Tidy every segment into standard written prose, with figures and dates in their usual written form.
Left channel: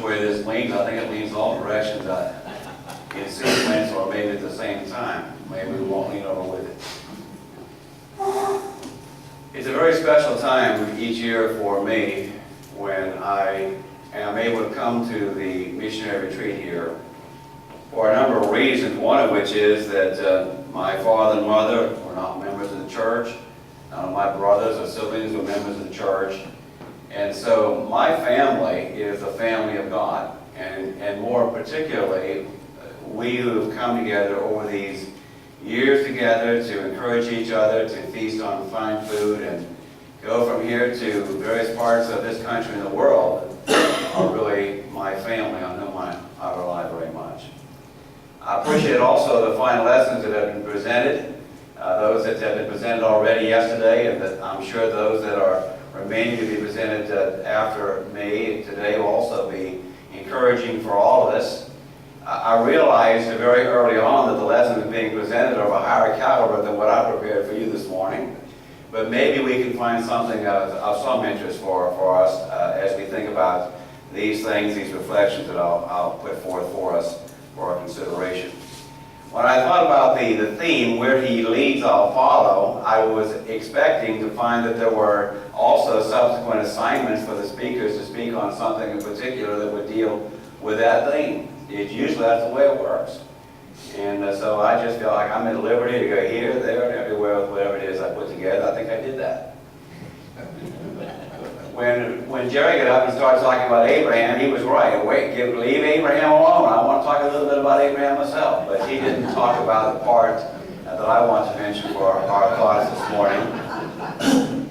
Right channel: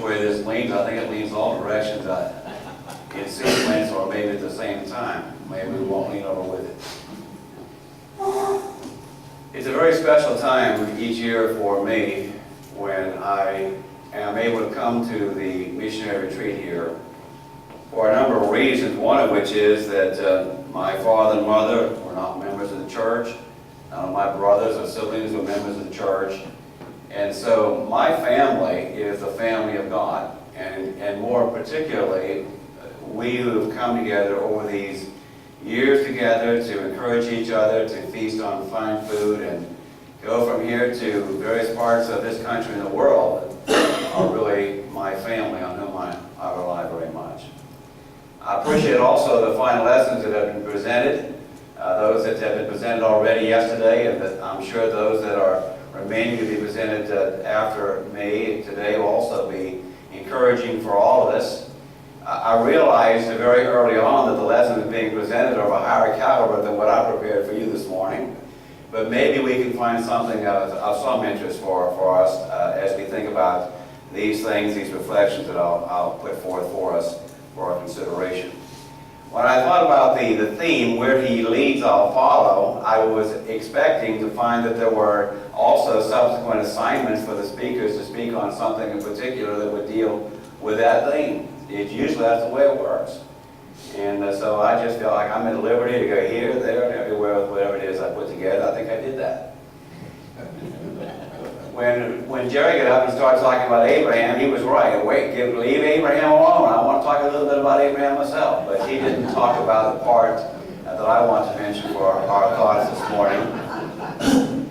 way this leans. I think it leans all directions in sequence or maybe at the same time. Maybe we won't lean over with it. It's a very special time each year for me when I am able to come to the missionary retreat here for a number of reasons, one of which is that my father and mother were not members of the church. None of my brothers or siblings were members of the church. And so my family is the family of God. And more particularly, we who have come together over these years together to encourage each other, to feast on fine food, and go from here to various parts of this country and the world are really my family on whom I rely very much. I appreciate also the fine lessons that have been presented, those that have been presented already yesterday, and that I'm sure those that are remaining to be presented after me today will also be encouraging for all of us. I realized very early on that the lessons being presented are of a higher caliber than what I prepared for you this morning. But maybe we can find something of some interest for us as we think about these things, these reflections that I'll put forth for us for our consideration. When I thought about the theme, where he leads, I'll follow, I was expecting to find that there were also subsequent assignments for the speakers to speak on something in particular that would deal with that theme. It's usually that's the way it works. And so I just feel like I'm at liberty to go here, there, and everywhere with whatever it is I put together. I think I did that. When Jerry got up and started talking about Abraham, he was right. Leave Abraham alone. I want to talk a little bit about Abraham myself. But he didn't talk about the part that I want to mention for our thoughts this morning.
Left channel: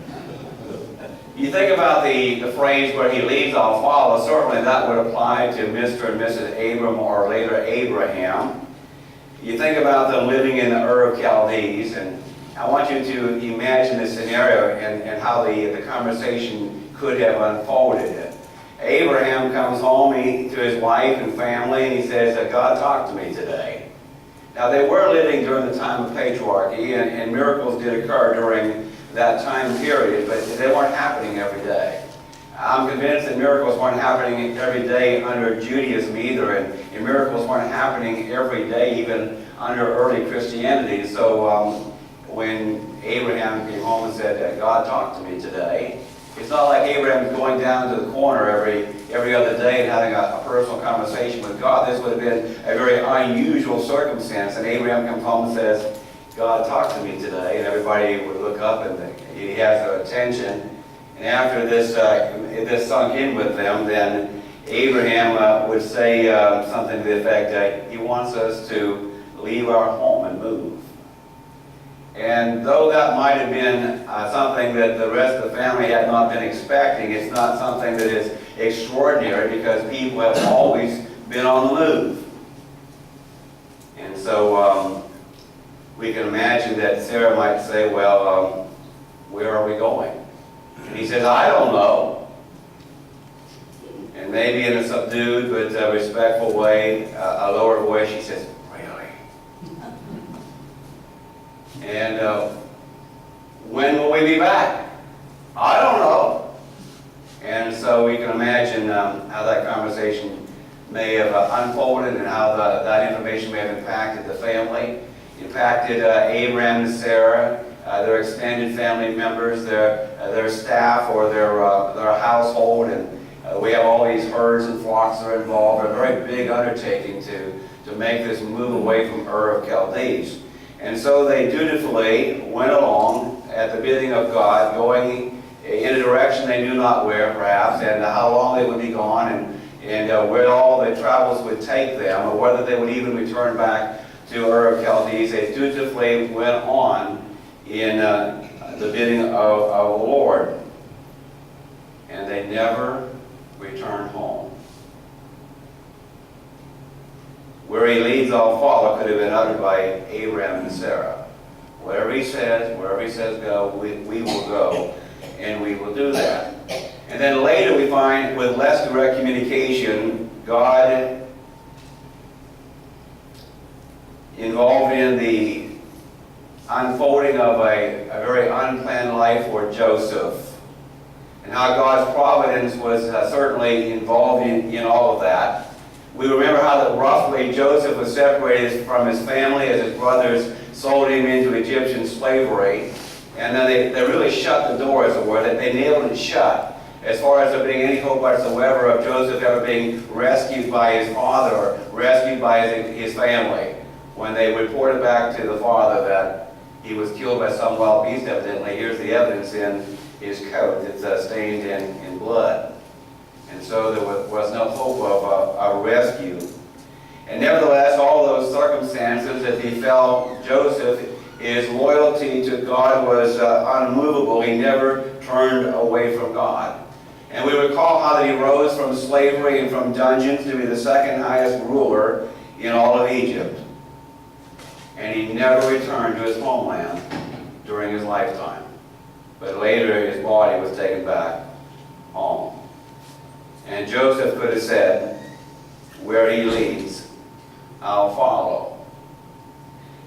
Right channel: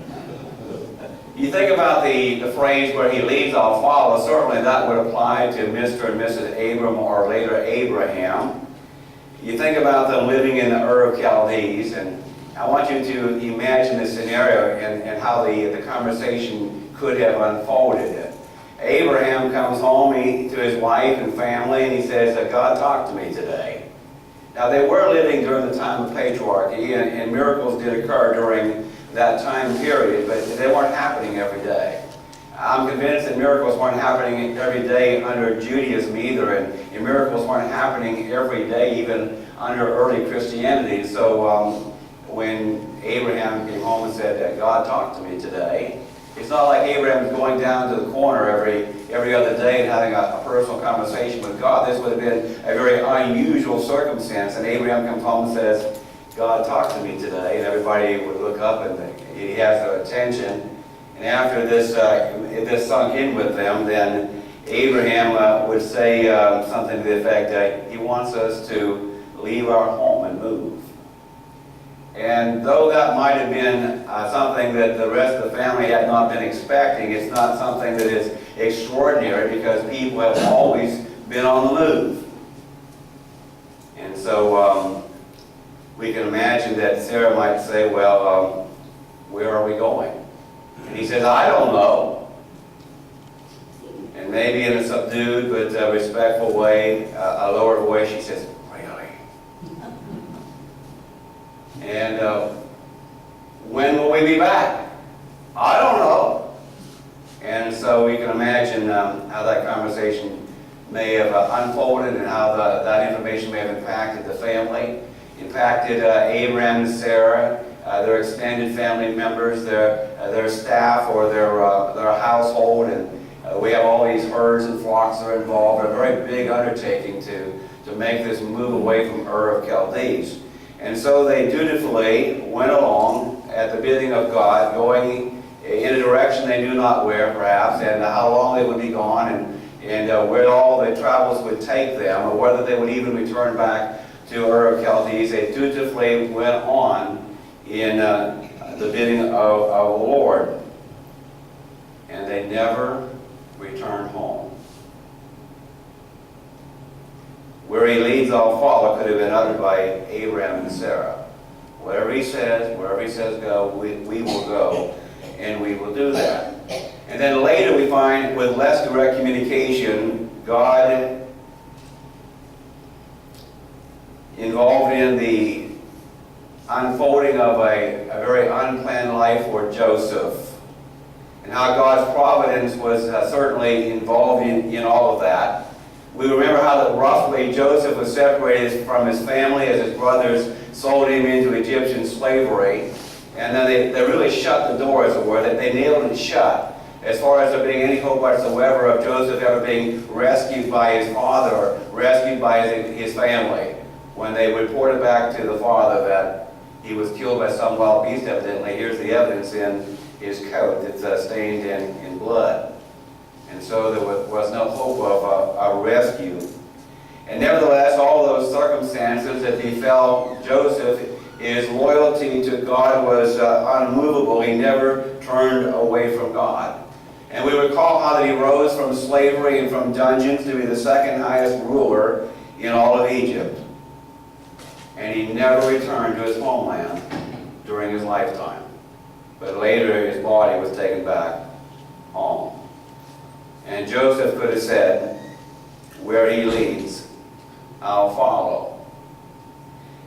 You think about the phrase, where he leads, I'll follow. Certainly that would apply to Mr. and Mrs. Abram, or later Abraham. You think about them living in the Ur of Chaldees, and I want you to imagine this scenario and how the conversation could have unfolded. Abraham comes home to his wife and family, and he says, God talked to me today. Now, they were living during the time of patriarchy, and miracles did occur during that time period, but they weren't happening every day. I'm convinced that miracles weren't happening every day under Judaism either, and miracles weren't happening every day even under early Christianity. So when Abraham came home and said, God talked to me today, it's not like Abraham was going down to the corner every other day and having a personal conversation with God. This would have been a very unusual circumstance. And Abraham comes home and says, God talked to me today, and everybody would look up and he has their attention. And after this sunk in with them, then Abraham would say something to the effect that he wants us to leave our home and move. And though that might have been something that the rest of the family had not been expecting, it's not something that is extraordinary, because people have always been on the move. And so we can imagine that Sarah might say, well, where are we going? And he says, I don't know. And maybe in a subdued but respectful way, a lower voice, she says, really? And when will we be back? I don't know. And so we can imagine how that conversation may have unfolded, and how that information may have impacted the family, impacted Abraham and Sarah, their extended family members, their staff, or their household. And we have all these herds and flocks that are involved. A very big undertaking to make this move away from Ur of Chaldees. And so they dutifully went along at the bidding of God, going in a direction they knew not where, perhaps, and how long they would be gone, and where all the travels would take them, or whether they would even return back to Ur of Chaldees. They dutifully went on in the bidding of the Lord, and they never returned home. Where he leads, I'll follow could have been uttered by Abraham and Sarah. Wherever he says go, we will go, and we will do that. And then later we find, with less direct communication, God involved in the unfolding of a very unplanned life for Joseph. And and how God's providence was certainly involved in all of that. We remember how that roughly Joseph was separated from his family as his brothers sold him into Egyptian slavery. And then they really shut the door, as it were, that they nailed it shut, as far as there being any hope whatsoever of Joseph ever being rescued by his father or rescued by his family. When they reported back to the father that he was killed by some wild beast, evidently, here's the evidence in his coat. It's stained in blood. And so there was no hope of a rescue. And nevertheless, all those circumstances that befell Joseph, his loyalty to God was unmovable. He never turned away from God. And we recall how that he rose from slavery and from dungeons to be the second highest ruler in all of Egypt. And he never returned to his homeland during his lifetime. But later his body was taken back home. And Joseph could have said, where he leads, I'll follow.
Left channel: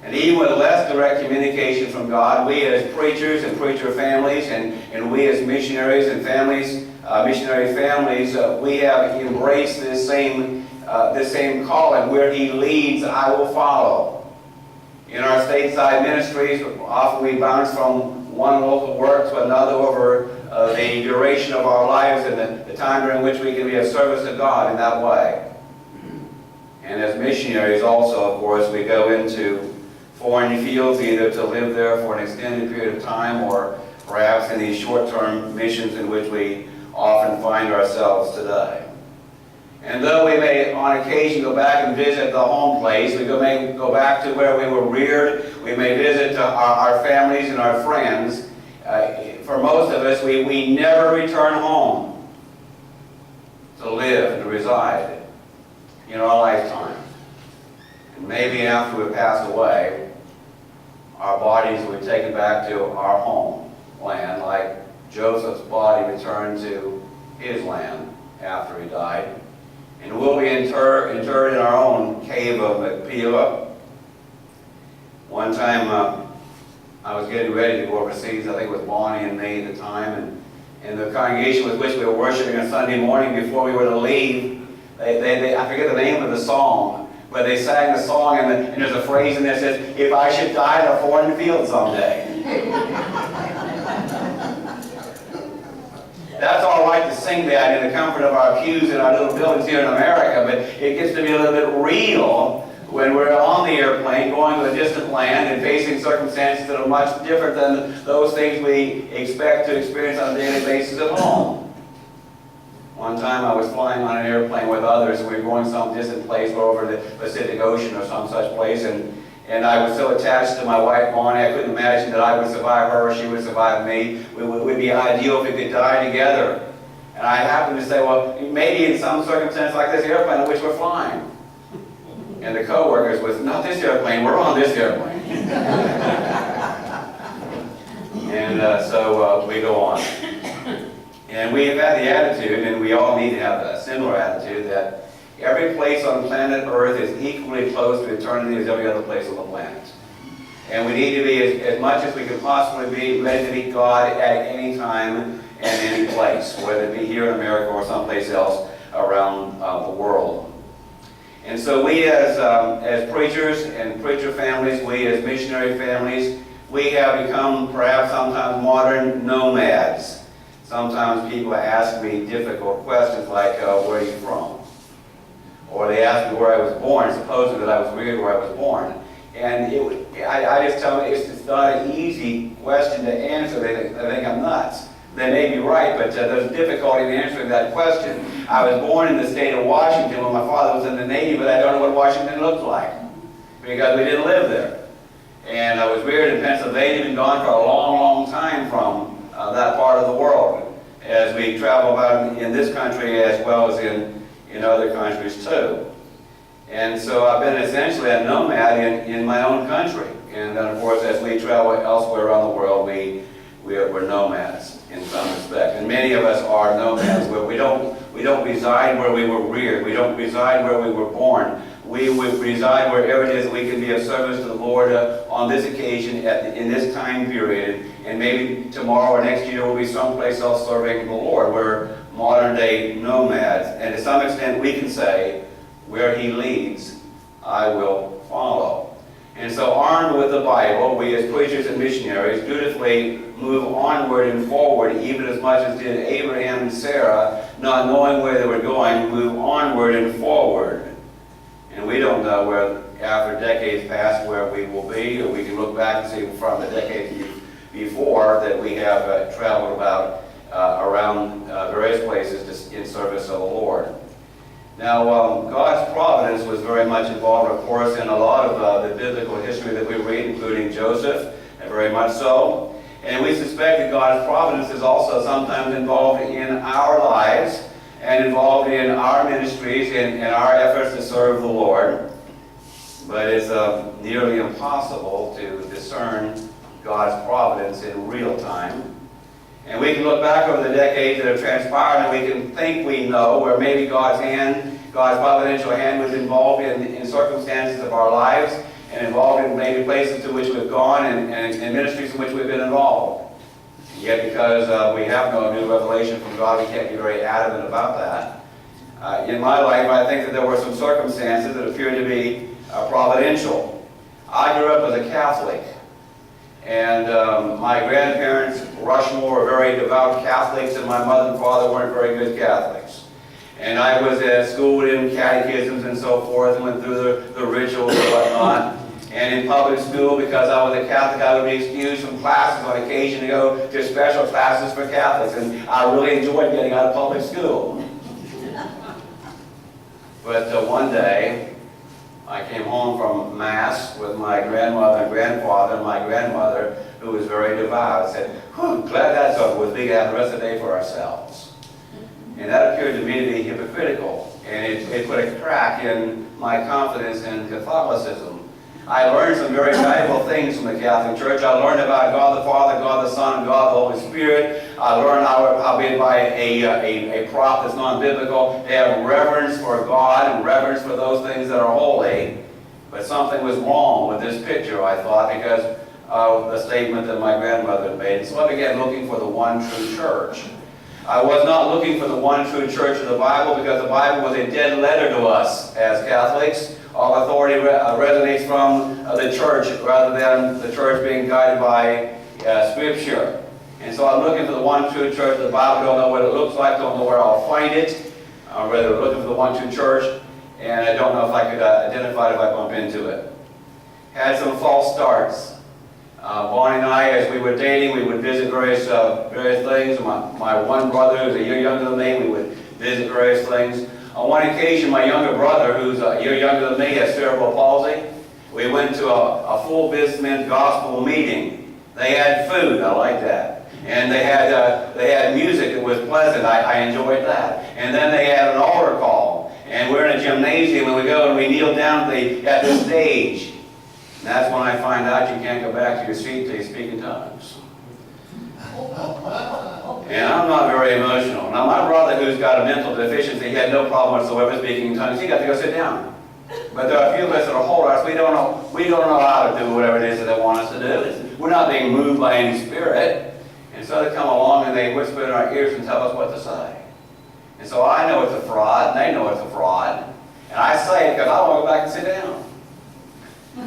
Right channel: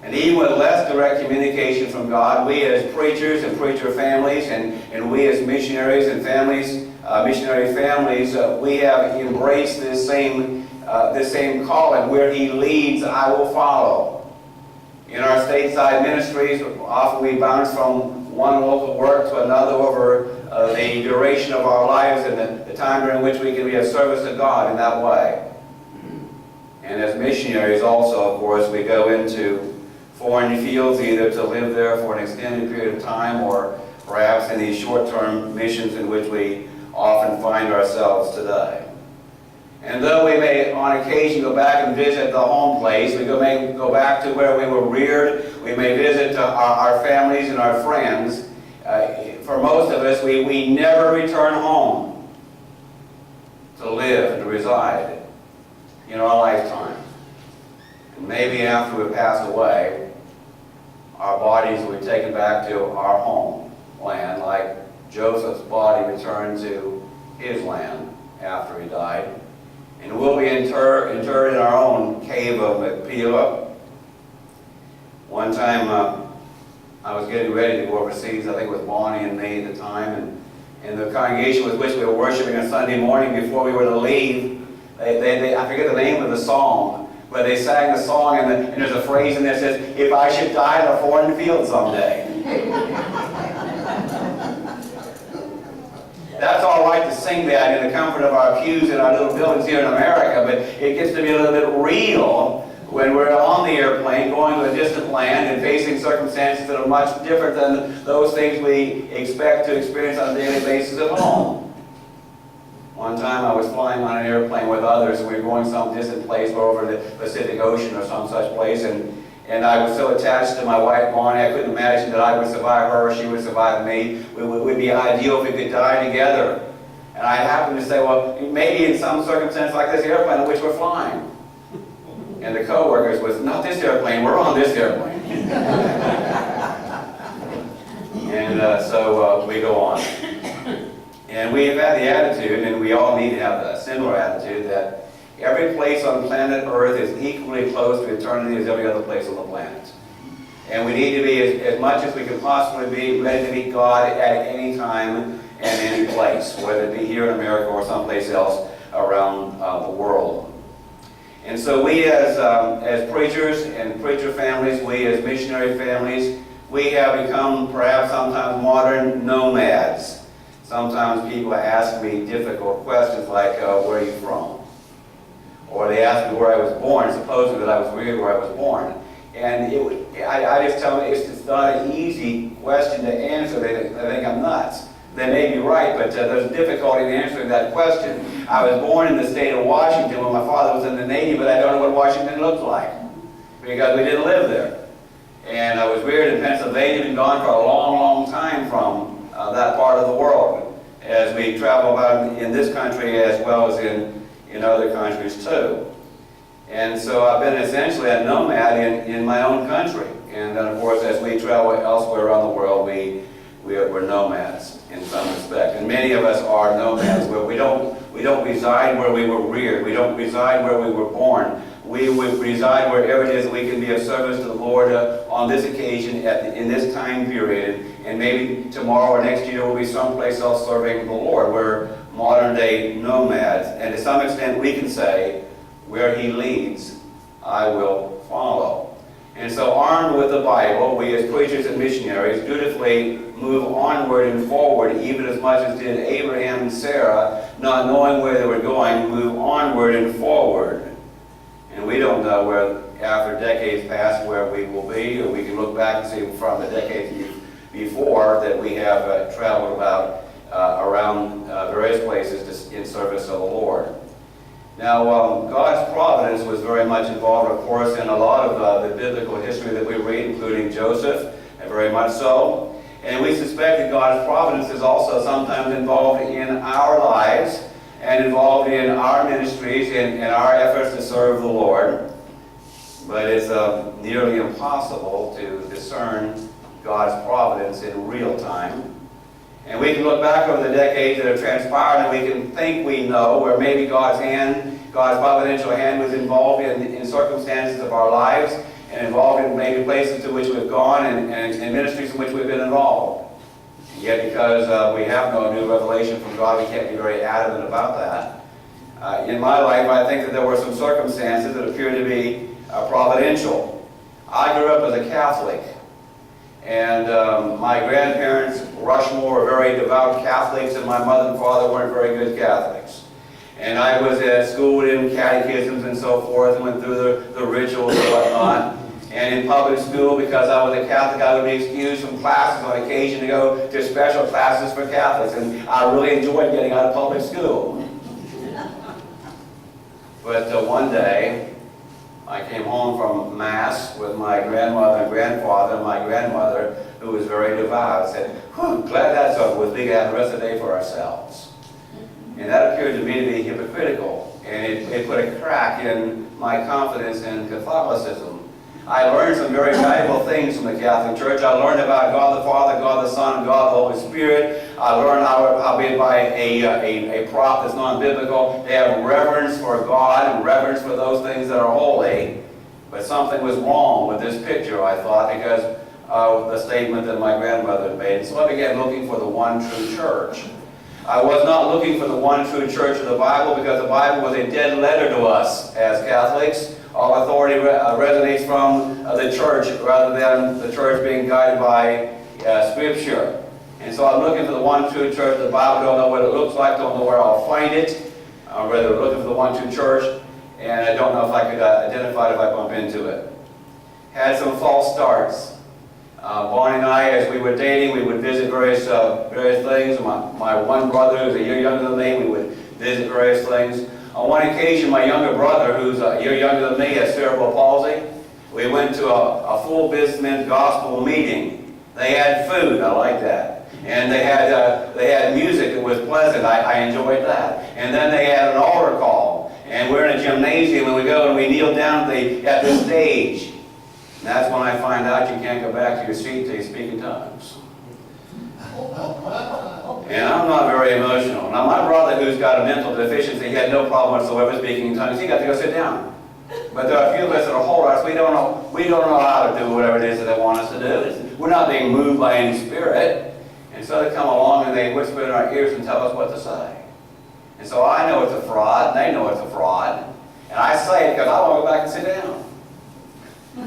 And even with less direct communication from God, we as preachers and preacher families, and we as missionaries and families, missionary families, we have embraced this same calling. Where he leads, I will follow. In our stateside ministries, often we bounce from one local work to another over the duration of our lives and the time during which we can be of service to God in that way. And as missionaries also, of course, we go into foreign fields either to live there for an extended period of time or perhaps in these short-term missions in which we often find ourselves today. And though we may on occasion go back and visit the home place, we may go back to where we were reared, we may visit our families and our friends, for most of us, we never return home to live and to reside in our lifetime. And maybe after we pass away, our bodies will be taken back to our homeland, like Joseph's body returned to his land after he died. And we'll be interred in our own cave of Machpelah. One time I was getting ready to go overseas. I think it was Bonnie and me at the time. And the congregation with which we were worshiping on Sunday morning before we were to leave, I forget the name of the song, but they sang the song, and there's a phrase in there that says, if I should die in a foreign field someday. That's all right to sing that in the comfort of our pews in our little buildings here in America, but it gets to be a little bit real when we're on the airplane going to a distant land and facing circumstances that are much different than those things we expect to experience on a daily basis at home. One time I was flying on an airplane with others, and we were going some distant place over the Pacific Ocean or some such place, and I was so attached to my wife, Bonnie, I couldn't imagine that I would survive her or she would survive me. It would be ideal if we could die together. And I happened to say, well, maybe in some circumstance like this airplane in which we're flying. And the co-workers was, not this airplane, we're on this airplane. And so we go on. And we have had the attitude, and we all need to have a similar attitude, that every place on planet Earth is equally close to eternity as every other place on the planet. And we need to be, as much as we can possibly be, ready to meet God at any time and any place, whether it be here in America or someplace else around the world. And so we as preachers and preacher families, we as missionary families, we have become perhaps sometimes modern nomads. Sometimes people ask me difficult questions like, where are you from? Or they ask me where I was born, supposing that I was reared where I was born. And I just tell them it's not an easy question to answer. They think I'm nuts. They may be right, but there's difficulty in answering that question. I was born in the state of Washington when my father was in the Navy, but I don't know what Washington looked like because we didn't live there. And I was reared in Pennsylvania and gone for a long, long time from that part of the world as we travel about in this country as well as in other countries too. And so I've been essentially a nomad in my own country. And then of course as we travel elsewhere around the world, we're nomads in some respect. And many of us are nomads where we don't reside where we were reared. We don't reside where we were born. we would reside wherever it is we can be of service to the Lord on this occasion in this time period. And maybe tomorrow or next year we'll be someplace else serving the Lord. We're modern day nomads. And to some extent we can say, where he leads, I will follow. And so armed with the Bible, we as preachers and missionaries dutifully move onward and forward, even as much as did Abraham and Sarah, not knowing where they were going, move onward and forward. And we don't know where, after decades pass, where we will be, or we can look back and see from the decades before that we have traveled about around various places in service of the Lord. Now, God's providence was very much involved, of course, in a lot of the biblical history that we read, including Joseph, and very much so. And we suspect that God's providence is also sometimes involved in our lives and involved in our ministries and our efforts to serve the Lord. But it's nearly impossible to discern God's providence in real time. And we can look back over the decades that have transpired and we can think we know where maybe God's providential hand was involved in circumstances of our lives and involved in maybe places to which we've gone and ministries in which we've been involved. And yet because we have no new revelation from God, we can't be very adamant about that. In my life, I think that there were some circumstances that appeared to be providential. I grew up as a Catholic. And my grandparents, Rushmore, were very devout Catholics, and my mother and father weren't very good Catholics. And I was schooled in catechisms and so forth, and went through the rituals and whatnot. And in public school, because I was a Catholic, I would be excused from classes on occasion to go to special classes for Catholics. And I really enjoyed getting out of public school. But one day, I came home from Mass with my grandmother and grandfather, and my grandmother, who was very devout, said, "Whew, glad that's over with. We can have the rest of the day for ourselves." And that appeared to me to be hypocritical, and it put a crack in my confidence in Catholicism. I learned some very valuable things from the Catholic Church. I learned about God the Father, God the Son, and God the Holy Spirit. I learned how being by a prop that's non-biblical, they have reverence for God and reverence for those things that are holy. But something was wrong with this picture, I thought, because of the statement that my grandmother had made. So I began looking for the one true church. I was not looking for the one true church of the Bible, because the Bible was a dead letter to us as Catholics. All authority resonates from the church rather than the church being guided by Scripture. And so I'm looking for the one true church of the Bible. Don't know what it looks like, don't know where I'll find it. I'm rather looking for the one true church, and I don't know if I could identify it if I bump into it. Had some false starts. Bonnie and I, as we were dating, we would visit various things. My one brother, who's a year younger than me, we would visit various things. On one occasion, my younger brother, who's a year younger than me, has cerebral palsy. We went to a full businessmen's gospel meeting. They had food, I like that. And they had music that was pleasant. I enjoyed that. And then they had an altar call. And we're in a gymnasium, and we go and we kneel down at the stage. And that's when I find out you can't go back to your seat till you speak in tongues. And I'm not very emotional. Now, my brother, who's got a mental deficiency, he had no problem whatsoever speaking in tongues. He got to go sit down. But there are a few of us that are holders. We don't know how to do whatever it is that they want us to do. We're not being moved by any spirit. And so they come along and they whisper in our ears and tell us what to say. And so I know it's a fraud, and they know it's a fraud. And I say it because I want to go back and sit down.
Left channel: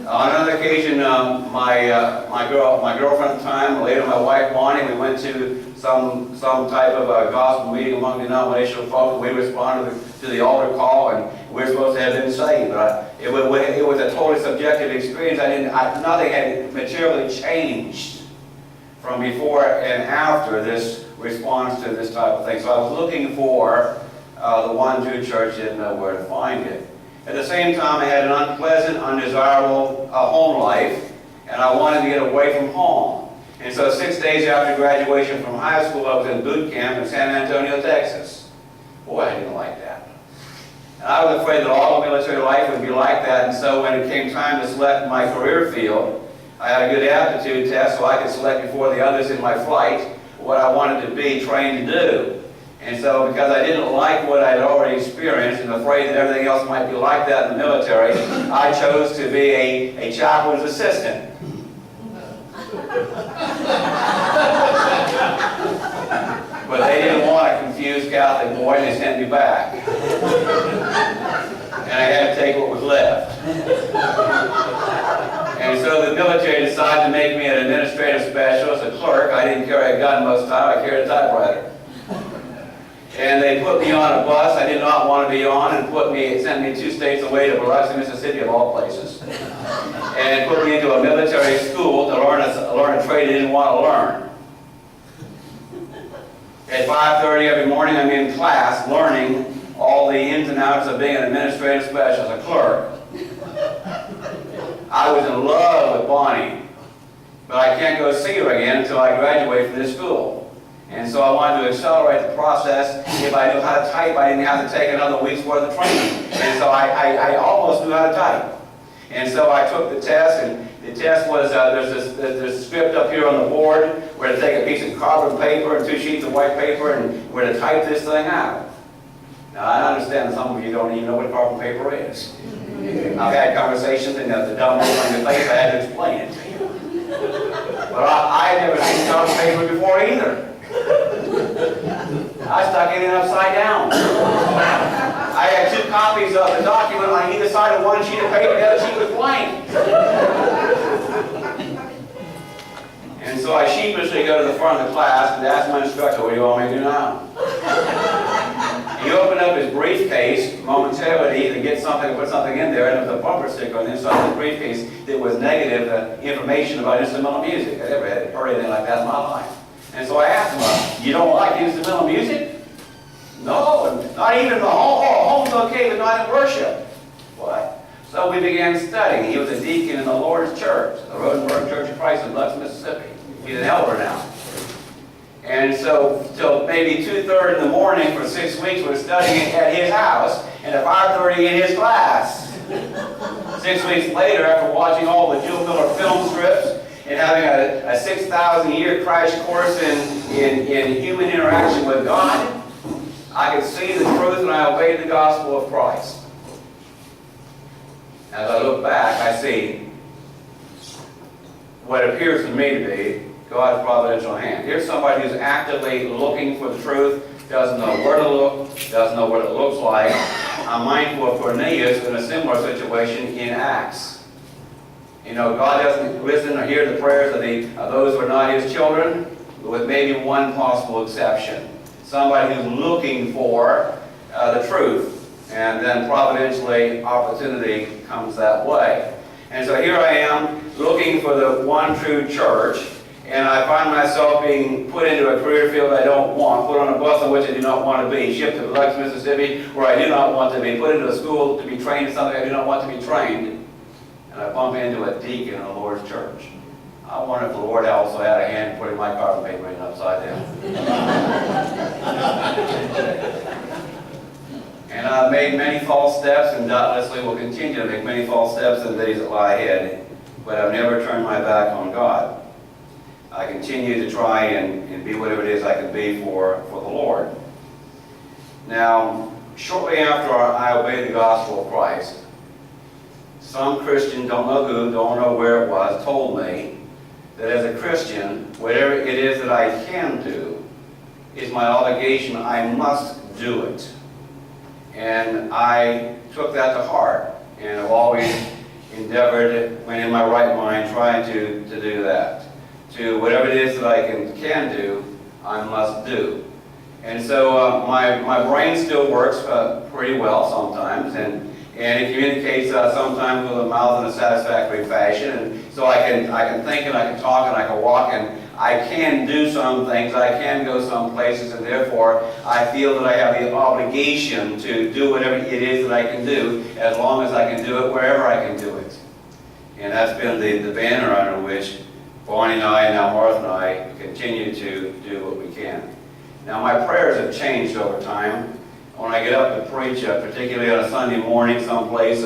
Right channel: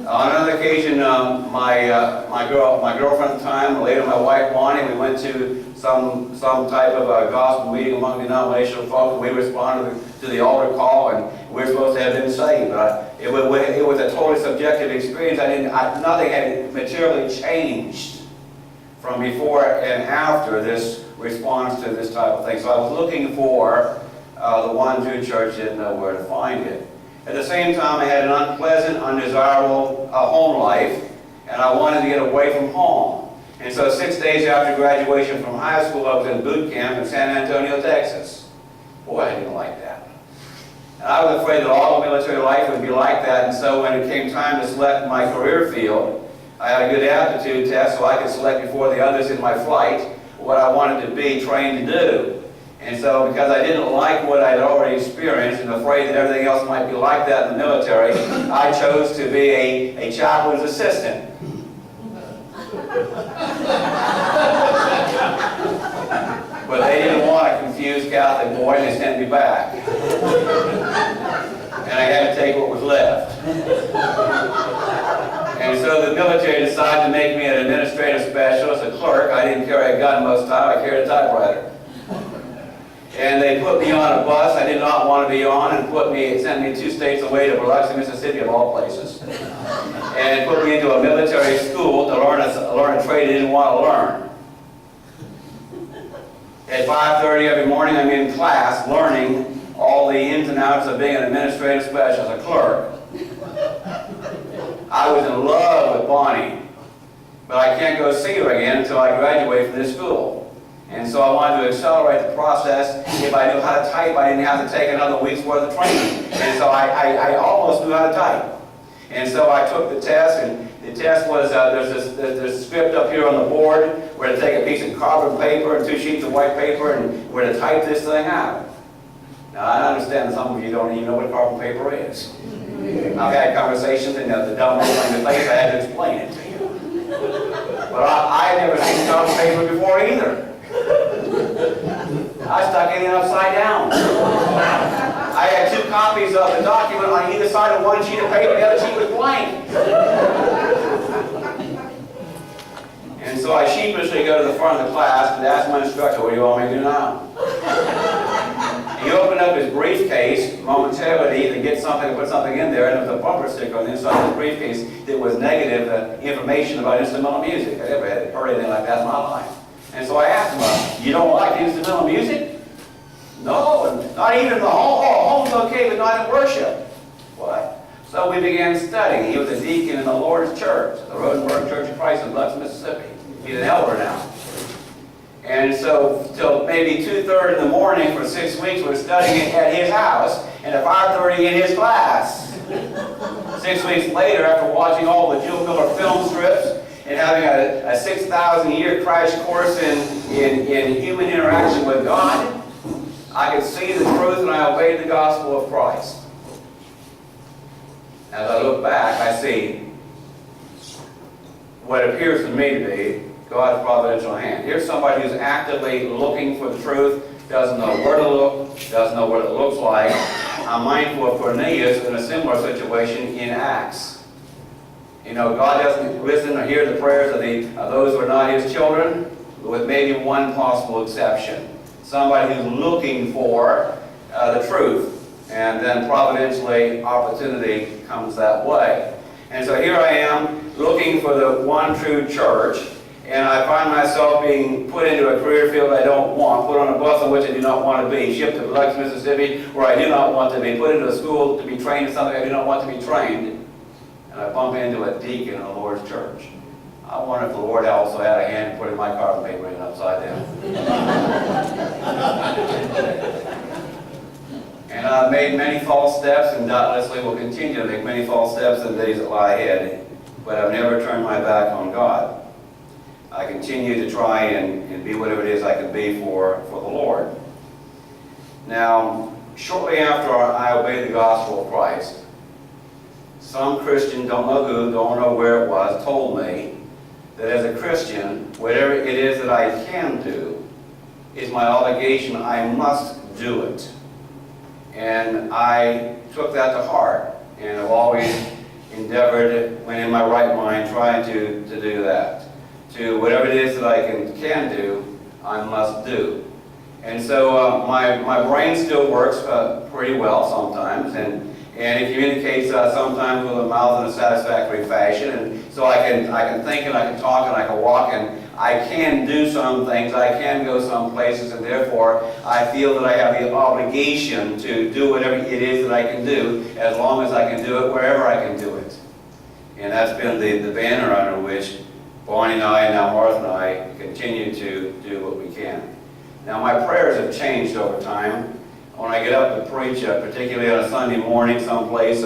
On another occasion, my girlfriend at the time, later my wife Bonnie, we went to some type of a gospel meeting among denominational folk, and we responded to the altar call, and we're supposed to have been saved. But it was a totally subjective experience. Nothing had materially changed from before and after this response to this type of thing. So I was looking for the one true church, didn't know where to find it. At the same time, I had an unpleasant, undesirable home life, and I wanted to get away from home. And so 6 days after graduation from high school, I was in boot camp in San Antonio, Texas. Boy, I didn't like that. And I was afraid that all of military life would be like that, and so when it came time to select my career field, I had a good aptitude test so I could select before the others in my flight what I wanted to be trained to do. And so, because I didn't like what I'd already experienced and afraid that everything else might be like that in the military, I chose to be a chaplain's assistant. But they didn't want a confused Catholic boy, and they sent me back. And I had to take what was left. And so the military decided to make me an administrative specialist, a clerk. I didn't carry a gun most of the time, I carried a typewriter. And they put me on a bus I did not want to be on, and sent me 2 states away to Biloxi, Mississippi, of all places. And put me into a military school to learn a trade I didn't want to learn. At 5:30 every morning, I'm in class learning all the ins and outs of being an administrative specialist, a clerk. I was in love with Bonnie, but I can't go see her again until I graduate from this school. And so I wanted to accelerate the process. If I knew how to type, I didn't have to take another week's worth of training. And so I almost knew how to type. And so I took the test, and the test was, there's this script up here on the board where to take a piece of carbon paper and 2 sheets of white paper and where to type this thing out. Now I understand some of you don't even know what carbon paper is. I've had conversations, and the dumb look on your face, I had to explain it to you. But I had never seen carbon paper before either. I stuck it in upside down. I had 2 copies of the document on either side of one sheet of paper, the other sheet was blank. And so I sheepishly go to the front of the class and ask my instructor, what do you want me to do now? He opened up his briefcase momentarily to get something, to put something in there, and there was a bumper sticker on the inside of the briefcase that was negative information about instrumental music. I never had heard anything like that in my life. And so I asked him, you don't like instrumental music? No, not even in the home. Oh, home's okay, but not in worship. What? So we began studying. He was a deacon in the Lord's Church, the Rushmore Church of Christ in Biloxi, Mississippi. He's an elder now. And so till maybe 2:30 in the morning for 6 weeks, we're studying at his house, and at 5:30 in his class. 6 weeks later, after watching all the Jill Miller film strips, and having a 6,000-year crash course in human interaction with God, I could see the truth, and I obeyed the gospel of Christ. As I look back, I see what appears to me to be God's providential hand. Here's somebody who's actively looking for the truth, doesn't know where to look, doesn't know what it looks like. I'm mindful of Cornelius in a similar situation in Acts. You know, God doesn't listen or hear the prayers of those who are not His children, with maybe one possible exception. Somebody who's looking for the truth, and then providentially opportunity comes that way. And so here I am looking for the one true church, and I find myself being put into a career field I don't want, put on a bus on which I do not want to be, shipped to Biloxi, Mississippi, where I do not want to be, put into a school to be trained in something I do not want to be trained. And I bump into a deacon in the Lord's church. I wonder if the Lord also had a hand in putting my carbon paper in upside down. And I've made many false steps, and doubtlessly will continue to make many false steps in the days that lie ahead, but I've never turned my back on God. I continue to try and be whatever it is I can be for the Lord. Now, shortly after I obeyed the gospel of Christ, some Christian, don't know who, don't know where it was, told me that as a Christian, whatever it is that I can do is my obligation. I must do it. And I took that to heart, and I've always endeavored, when in my right mind, trying to do that. To whatever it is that I can do, I must do. And so my brain still works pretty well sometimes, and it communicates sometimes with a mouth in a satisfactory fashion. And so I can think, and I can talk, and I can walk, and I can do some things. I can go some places, and therefore I feel that I have the obligation to do whatever it is that I can do, as long as I can do it wherever I can do it. And that's been the banner under which Bonnie and I, and now Martha and I, continue to do what we can. Now my prayers have changed over time. When I get up to preach, particularly on a Sunday morning someplace,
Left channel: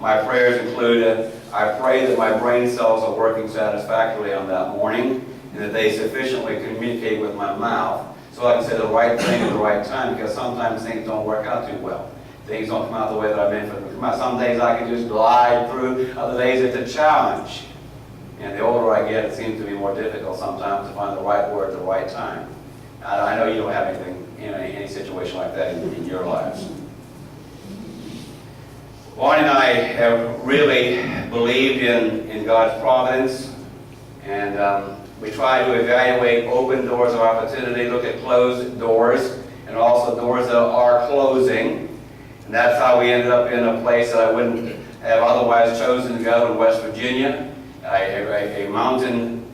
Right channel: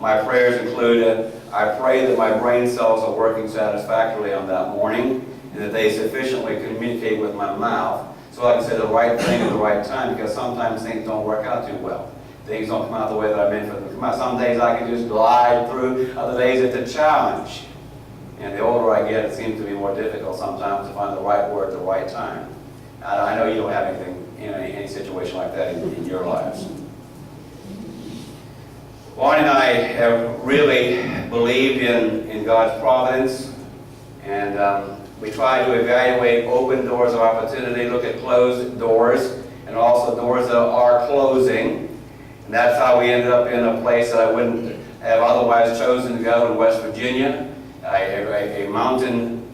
my prayers include, I pray that my brain cells are working satisfactorily on that morning, and that they sufficiently communicate with my mouth, So like I said, the right thing at the right time, because sometimes things don't work out too well. Things don't come out the way that I meant for them to come out. Some days I can just glide through, other days it's a challenge. And the older I get, it seems to be more difficult sometimes to find the right word at the right time. I know you don't have anything, any situation like that in your lives. Barney and I have really believed in God's providence, and we try to evaluate open doors of opportunity, look at closed doors, and also doors that are closing. And that's how we ended up in a place that I wouldn't have otherwise chosen to go in West Virginia, a mountain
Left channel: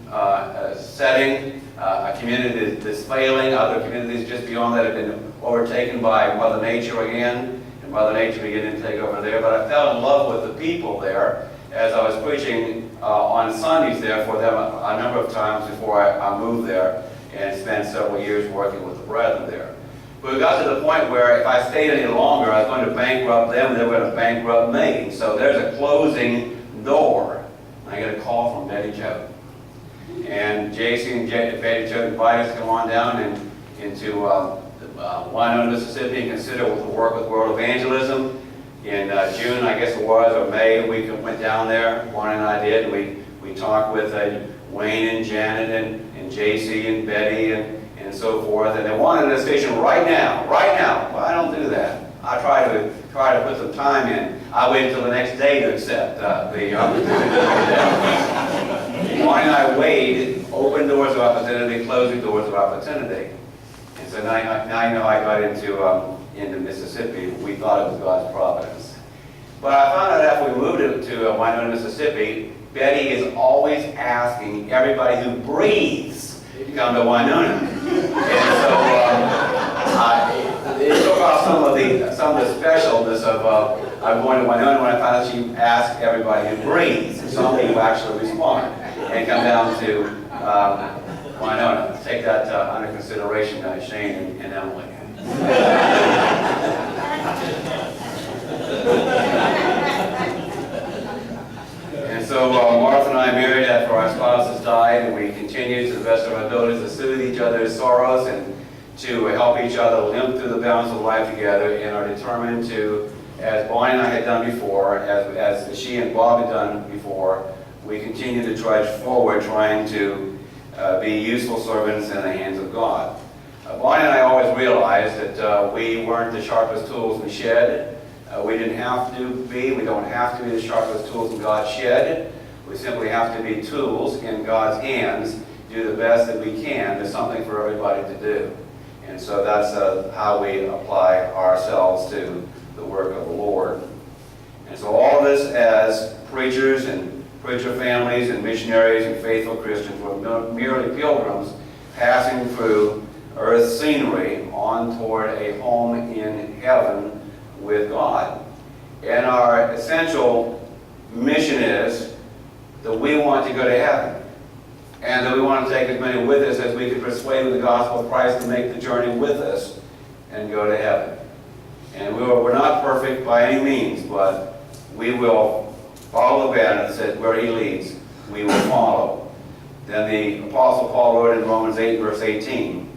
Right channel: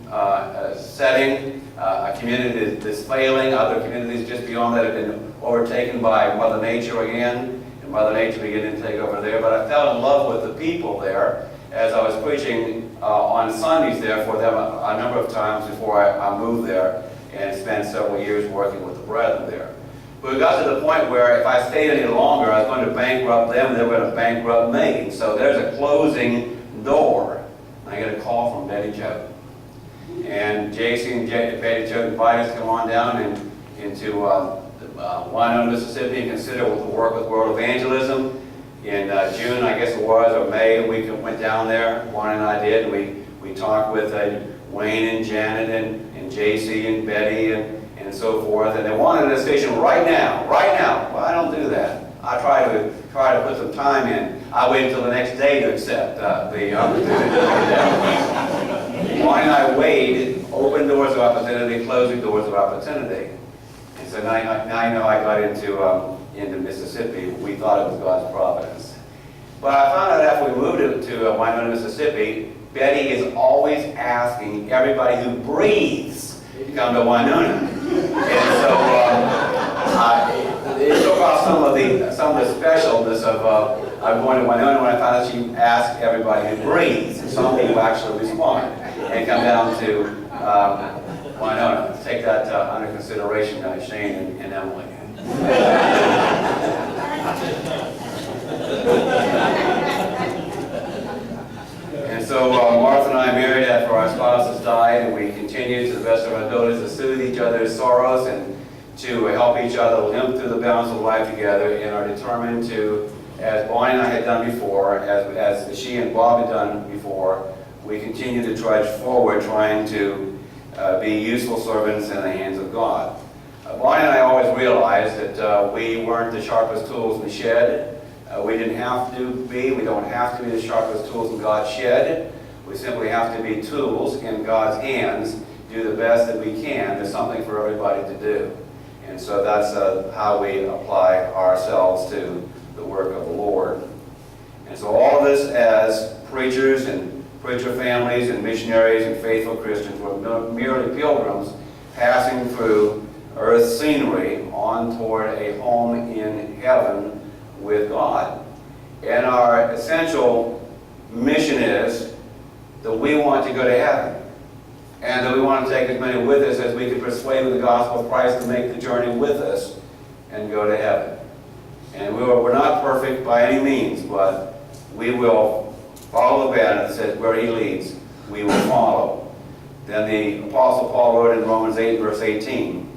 setting, a community that's failing. Other communities just beyond that have been overtaken by Mother Nature again, and Mother Nature beginning to take over there. But I fell in love with the people there as I was preaching on Sundays there for them a number of times before I moved there and spent several years working with the brethren there. But we got to the point where if I stayed any longer, I was going to bankrupt them, and they were going to bankrupt me. So there's a closing door. I get a call from Betty Jo. And JC and Betty Jo invited us to come on down into Winona, Mississippi, and consider the work with World Evangelism. In June, I guess it was, or May, we went down there. Juan and I did. And we talked with Wayne and Janet and JC and Betty and so forth. And they wanted a decision right now. Well, I don't do that. I try to put some time in. I wait until the next day to accept the opportunity. Juan and I waited, open doors of opportunity, closing doors of opportunity. And so now I know I got into Mississippi. We thought it was God's providence. But I found out after we moved to Winona, Mississippi, Betty is always asking everybody who breathes to come to Winona. And so it took off some of the specialness of going to Winona when I found out she asked everybody who breathes. And some people actually respond and come down to Winona. Take that under consideration, Shane and Emily. And so Martha and I married after our spouses died, and we continued to the best of our abilities to soothe each other's sorrows and to help each other limp through the balance of life together, and are determined to, as Bonnie and I had done before, as she and Bob had done before, we continue to trudge forward trying to be useful servants in the hands of God. Bonnie and I always realized that we weren't the sharpest tools in the shed. We didn't have to be. We don't have to be the sharpest tools in God's shed. We simply have to be tools in God's hands, do the best that we can. There's something for everybody to do. And so that's how we apply ourselves to the work of the Lord. And so all of us as preachers and preacher families and missionaries and faithful Christians were merely pilgrims passing through earth's scenery on toward a home in heaven with God. And our essential mission is that we want to go to heaven, and that we want to take as many with us as we can persuade with the gospel of Christ to make the journey with us and go to heaven. And we're not perfect by any means, but we will follow the banner that says where he leads, we will follow. Then the Apostle Paul wrote in Romans 8, verse 18,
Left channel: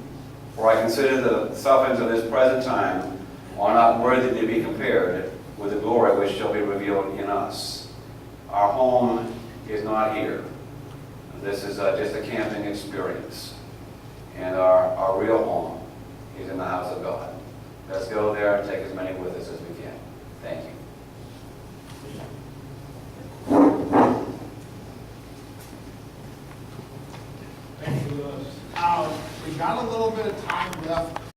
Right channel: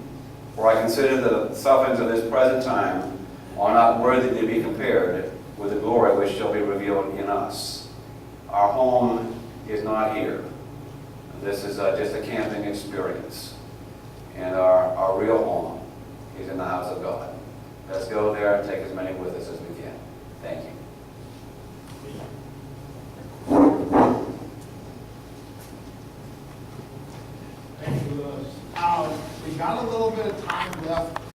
"For I consider the sufferings of this present time are not worthy to be compared with the glory which shall be revealed in us." Our home is not here. This is just a camping experience. And our real home is in the house of God. Let's go there and take as many with us as we can. Thank you. Thank you, Lewis. We got a little bit of time left.